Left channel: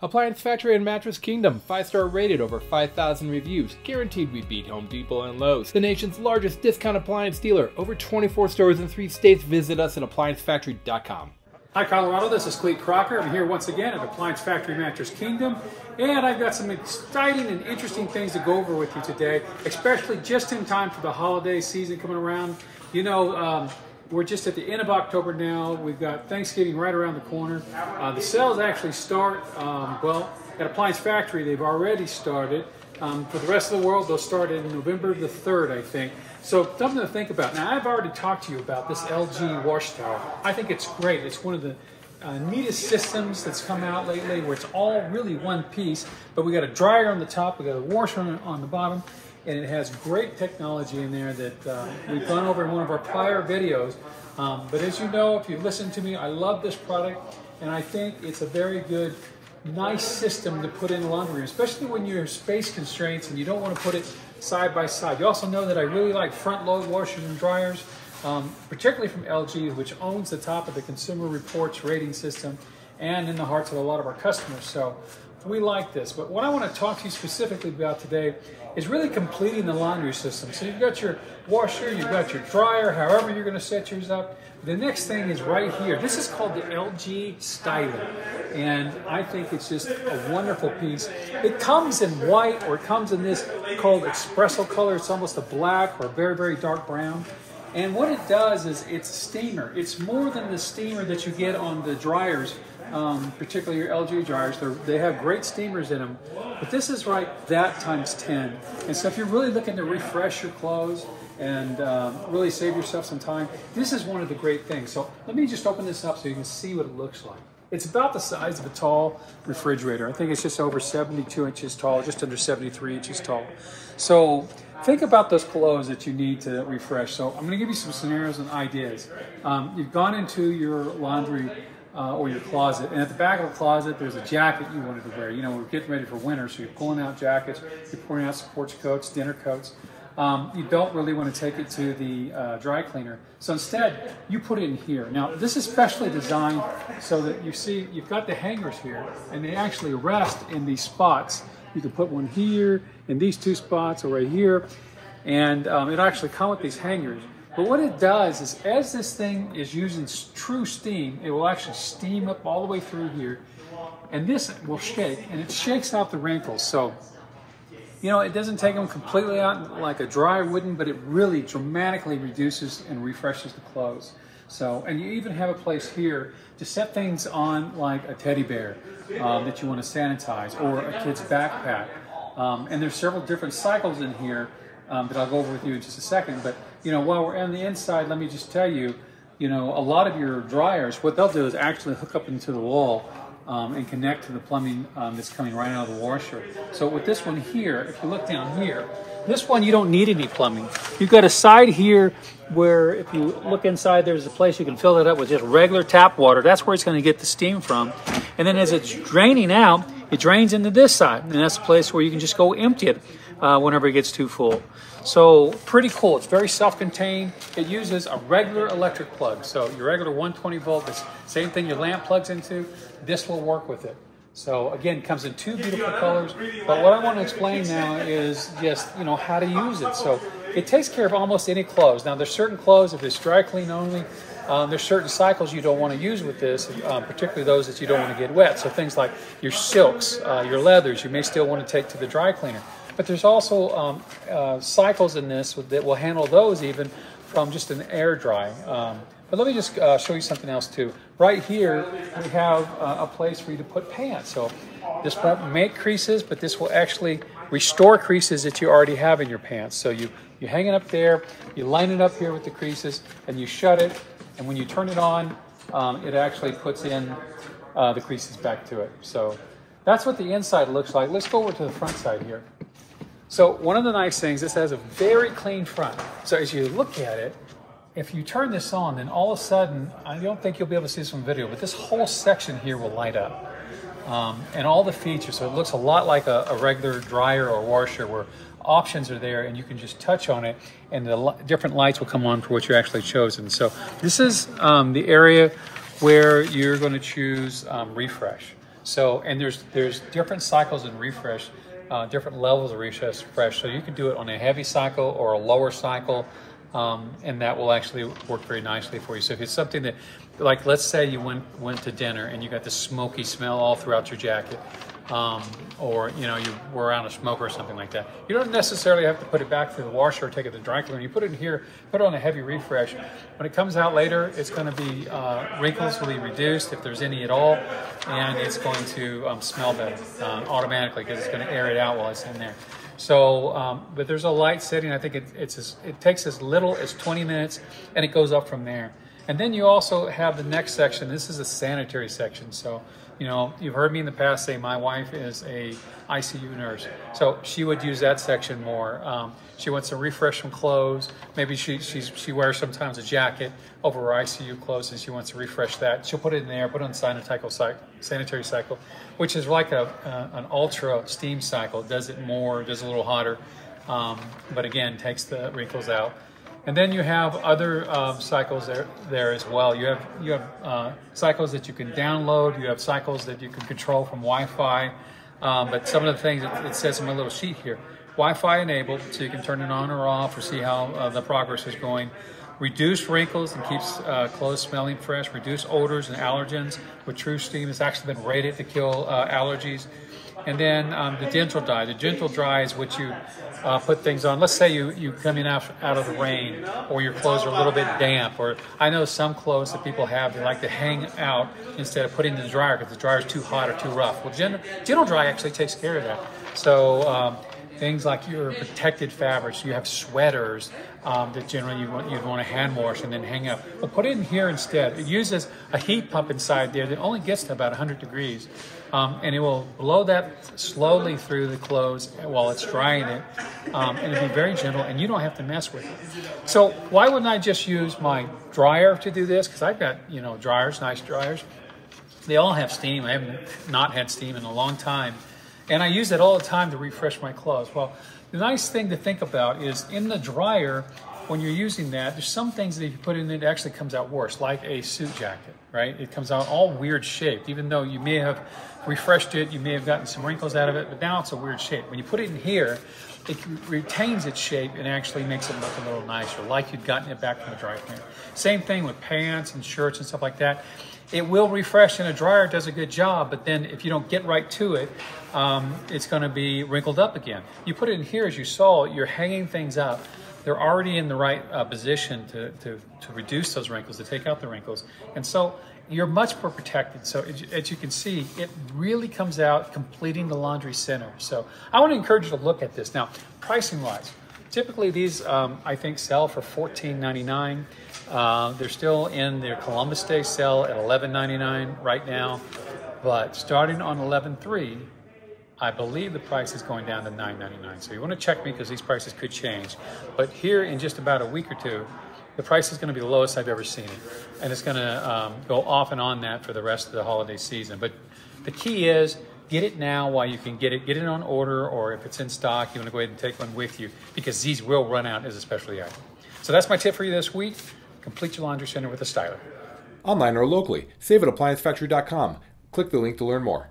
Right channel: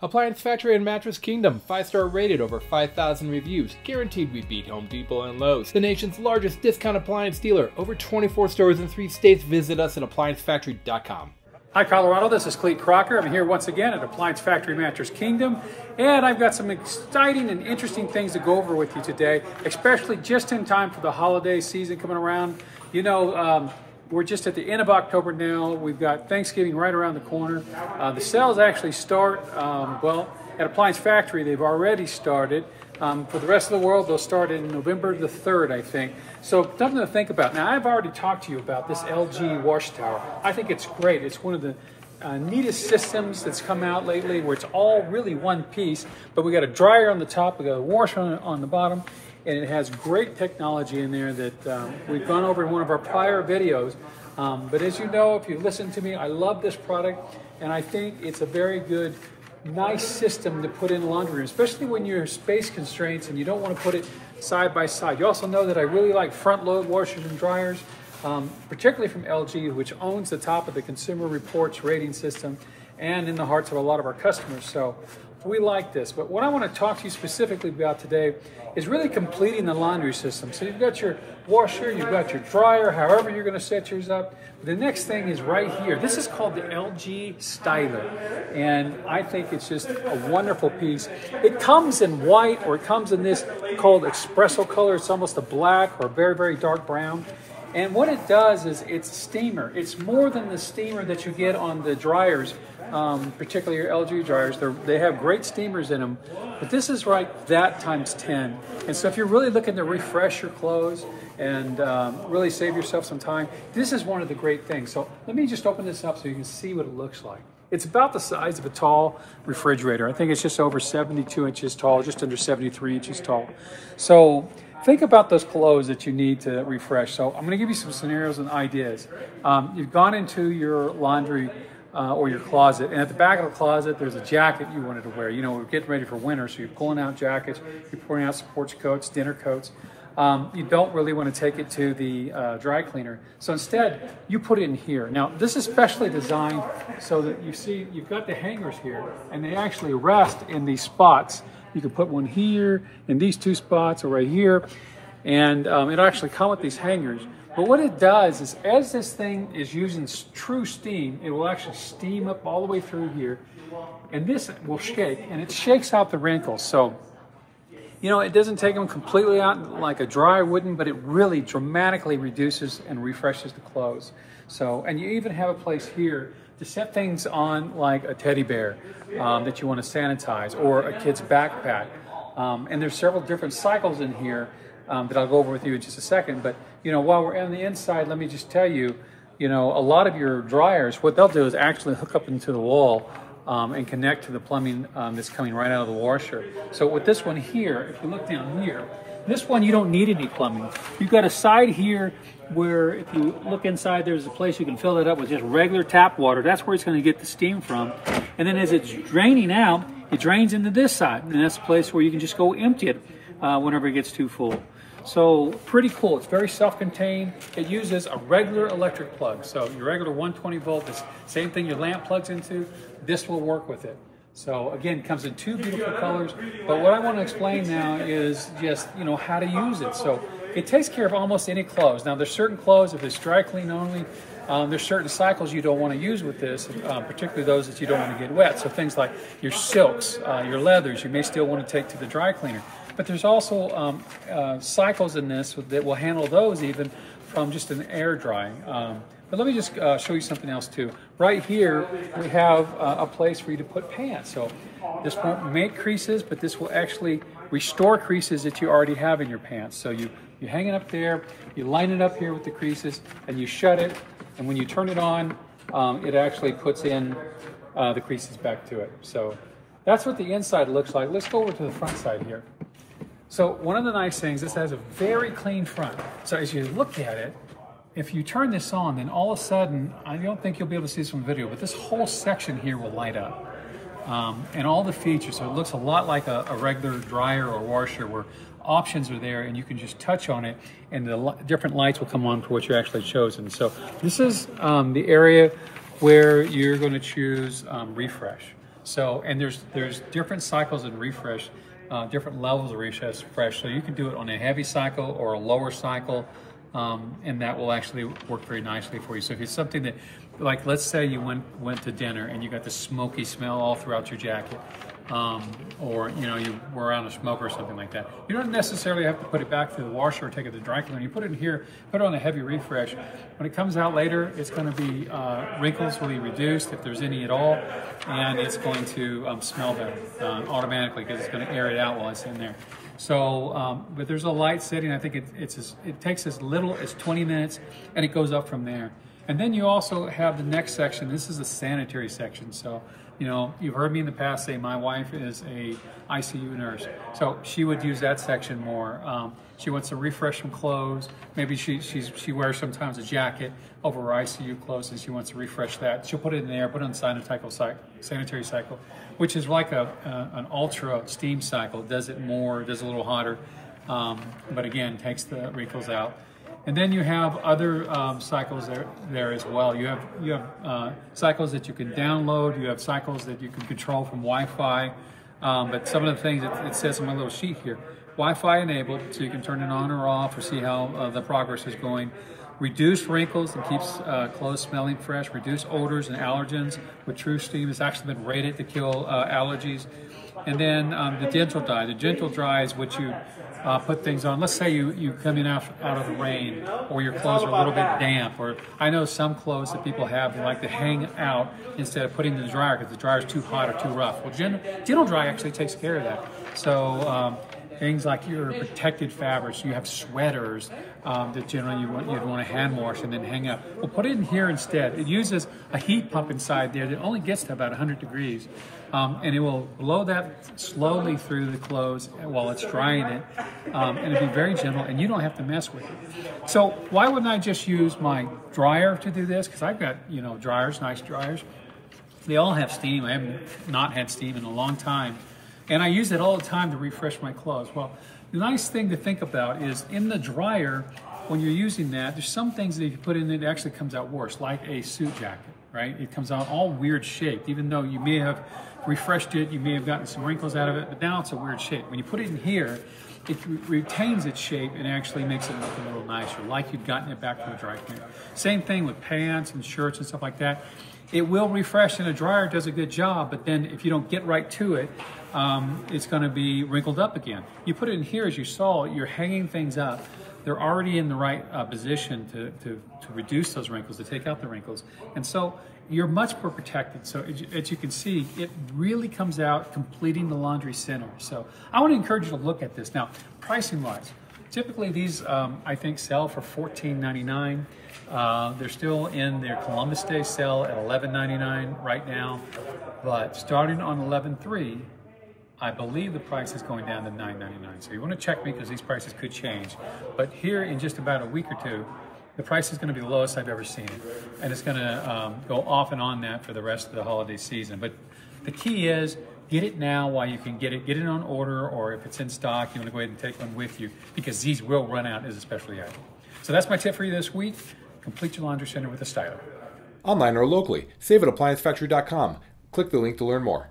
Appliance Factory and Mattress Kingdom, 5-star rated, over 5,000 reviews, guaranteed we beat Home Depot and Lowe's. The nation's largest discount appliance dealer, over 24 stores in 3 states. Visit us at ApplianceFactory.com. Hi Colorado, this is Clete Crocker. I'm here once again at Appliance Factory Mattress Kingdom, and I've got some exciting and interesting things to go over with you today, especially just in time for the holiday season coming around. You know, we're just at the end of October now. We've got Thanksgiving right around the corner. The sales actually start, well, at Appliance Factory, they've already started. For the rest of the world, they'll start in November the 3rd, I think. So something to think about. Now, I've already talked to you about this LG wash tower. I think it's great. It's one of the neatest systems that's come out lately, where it's all really one piece, but we got a dryer on the top, we got a washer on the bottom, and it has great technology in there that we've gone over in one of our prior videos. But as you know, if you listen to me, I love this product, and I think it's a very good, nice system to put in the laundry room, especially when you're space constraints and you don't want to put it side by side. You also know that I really like front load washers and dryers, particularly from LG, which owns the top of the Consumer Reports rating system and in the hearts of a lot of our customers. So we like this. But what I want to talk to you specifically about today is really completing the laundry system. So you've got your washer, you've got your dryer, however you're going to set yours up. The next thing is right here. This is called the LG Styler, and I think it's just a wonderful piece. It comes in white, or it comes in this called espresso color. It's almost a black or very, very dark brown. And what it does is it's a steamer. It's more than the steamer that you get on the dryers, particularly your LG dryers. They have great steamers in them, but this is like that times 10. And so if you're really looking to refresh your clothes and really save yourself some time, this is one of the great things. So let me just open this up so you can see what it looks like. It's about the size of a tall refrigerator. I think it's just over 72 inches tall, just under 73 inches tall. So think about those clothes that you need to refresh. So I'm going to give you some scenarios and ideas. You've gone into your laundry or your closet, and at the back of the closet there's a jacket you wanted to wear. You know, we're getting ready for winter, so you're pulling out jackets, you're pouring out sports coats, dinner coats. You don't really want to take it to the dry cleaner, so instead you put it in here. Now this is specially designed so that you see you've got the hangers here, and they actually rest in these spots. You can put one here, in these 2 spots, or right here, and it actually comes with these hangers. But what it does is, as this thing is using true steam, it will actually steam up all the way through here, and this will shake, and it shakes out the wrinkles. So, you know, it doesn't take them completely out like a dryer wouldn't, but it really dramatically reduces and refreshes the clothes. So, and you even have a place here to set things on, like a teddy bear that you want to sanitize, or a kid's backpack. And there's several different cycles in here that I'll go over with you in just a second. But, you know, while we're on the inside, let me just tell you, you know, a lot of your dryers, what they'll do is actually hook up into the wall and connect to the plumbing that's coming right out of the washer. So with this one here, if you look down here, this one you don't need any plumbing. You've got a side here where if you look inside, there's a place you can fill it up with just regular tap water. That's where it's going to get the steam from. And then as it's draining out, it drains into this side. And that's a place where you can just go empty it whenever it gets too full. So pretty cool. It's very self-contained. It uses a regular electric plug. So your regular 120 volt, the same thing your lamp plugs into, this will work with it. So again, it comes in 2 beautiful colors. But what I want to explain now is just, you know, how to use it. So it takes care of almost any clothes. Now there's certain clothes, if it's dry clean only, there's certain cycles you don't want to use with this, particularly those that you don't want to get wet. So things like your silks, your leathers, you may still want to take to the dry cleaner. But there's also cycles in this that will handle those even from just an air drying. But let me just show you something else too. Right here, we have a place for you to put pants. So this won't make creases, but this will actually restore creases that you already have in your pants. So you hang it up there, you line it up here with the creases, and you shut it. And when you turn it on, it actually puts in the creases back to it. So that's what the inside looks like. Let's go over to the front side here. So one of the nice things, this has a very clean front. So as you look at it, if you turn this on, then all of a sudden, I don't think you'll be able to see this from video, but this whole section here will light up. And all the features, so it looks a lot like a regular dryer or washer, where options are there and you can just touch on it and the different lights will come on for what you actually chosen. So this is the area where you're going to choose refresh. So, and there's different cycles of refresh, different levels of refresh. So you can do it on a heavy cycle or a lower cycle, and that will actually work very nicely for you. So if it's something that, like, let's say you went to dinner and you got this smoky smell all throughout your jacket, or you know, you were around a smoker or something like that, you don't necessarily have to put it back through the washer or take it to the dry cleaner. You put it in here, put it on a heavy refresh. When it comes out later, it's going to be wrinkles will be reduced if there's any at all, and it's going to smell better automatically because it's going to air it out while it's in there. So, but there's a light setting. I think it takes as little as 20 minutes, and it goes up from there. And then you also have the next section. This is a sanitary section. So, you know, you've heard me in the past say my wife is a ICU nurse. So she would use that section more. She wants to refresh some clothes. Maybe she wears sometimes a jacket over her ICU clothes and she wants to refresh that. She'll put it in there, put it on sanitary cycle, which is like an ultra steam cycle. It does it more, does a little hotter, but again, takes the wrinkles out. And then you have other cycles there as well. You have cycles that you can download. You have cycles that you can control from Wi-Fi. But some of the things it says in my little sheet here: Wi-Fi enabled, so you can turn it on or off or see how the progress is going. Reduce wrinkles and keeps clothes smelling fresh. Reduce odors and allergens with True Steam. It's actually been rated to kill allergies. And then the gentle dry. The gentle dry is what you put things on. Let's say you come in out of the rain, or your clothes are a little bit damp, or I know some clothes that people have, they like to hang out instead of putting in the dryer because the dryer is too hot or too rough. Well, gentle dry actually takes care of that. So things like your protected fabrics, you have sweaters that generally you'd want to hand wash and then hang up. Well, put it in here instead. It uses a heat pump inside there that only gets to about 100 degrees. And it will blow that slowly through the clothes while it's drying it, and it'll be very gentle, and you don't have to mess with it. So why wouldn't I just use my dryer to do this? Because I've got, you know, dryers, nice dryers. They all have steam. I haven't not had steam in a long time, and I use it all the time to refresh my clothes. Well, the nice thing to think about is in the dryer, when you're using that, there's some things that if you put in it actually comes out worse, like a suit jacket, right? It comes out all weird shaped, even though you may have refreshed it, you may have gotten some wrinkles out of it, but now it's a weird shape. When you put it in here, it retains its shape and actually makes it look a little nicer, like you'd gotten it back from the dry cleaner. Same thing with pants and shirts and stuff like that. It will refresh in a dryer, does a good job, but then if you don't get right to it, it's going to be wrinkled up again. You put it in here, as you saw, you're hanging things up. They're already in the right position to reduce those wrinkles, to take out the wrinkles. And so you're much more protected. So as you can see, it really comes out completing the laundry center. So I want to encourage you to look at this. Now, pricing wise, typically these I think sell for $14.99. They're still in their Columbus Day sale at $11.99 right now, but starting on $11.3, I believe the price is going down to $9.99. So you want to check me because these prices could change. But here in just about a week or two, the price is going to be the lowest I've ever seen it. And it's going to go off and on that for the rest of the holiday season. But the key is get it now while you can get it. Get it on order, or if it's in stock, you want to go ahead and take one with you because these will run out as a specialty item. So that's my tip for you this week. Complete your laundry center with a styler. Online or locally, save at ApplianceFactory.com. Click the link to learn more.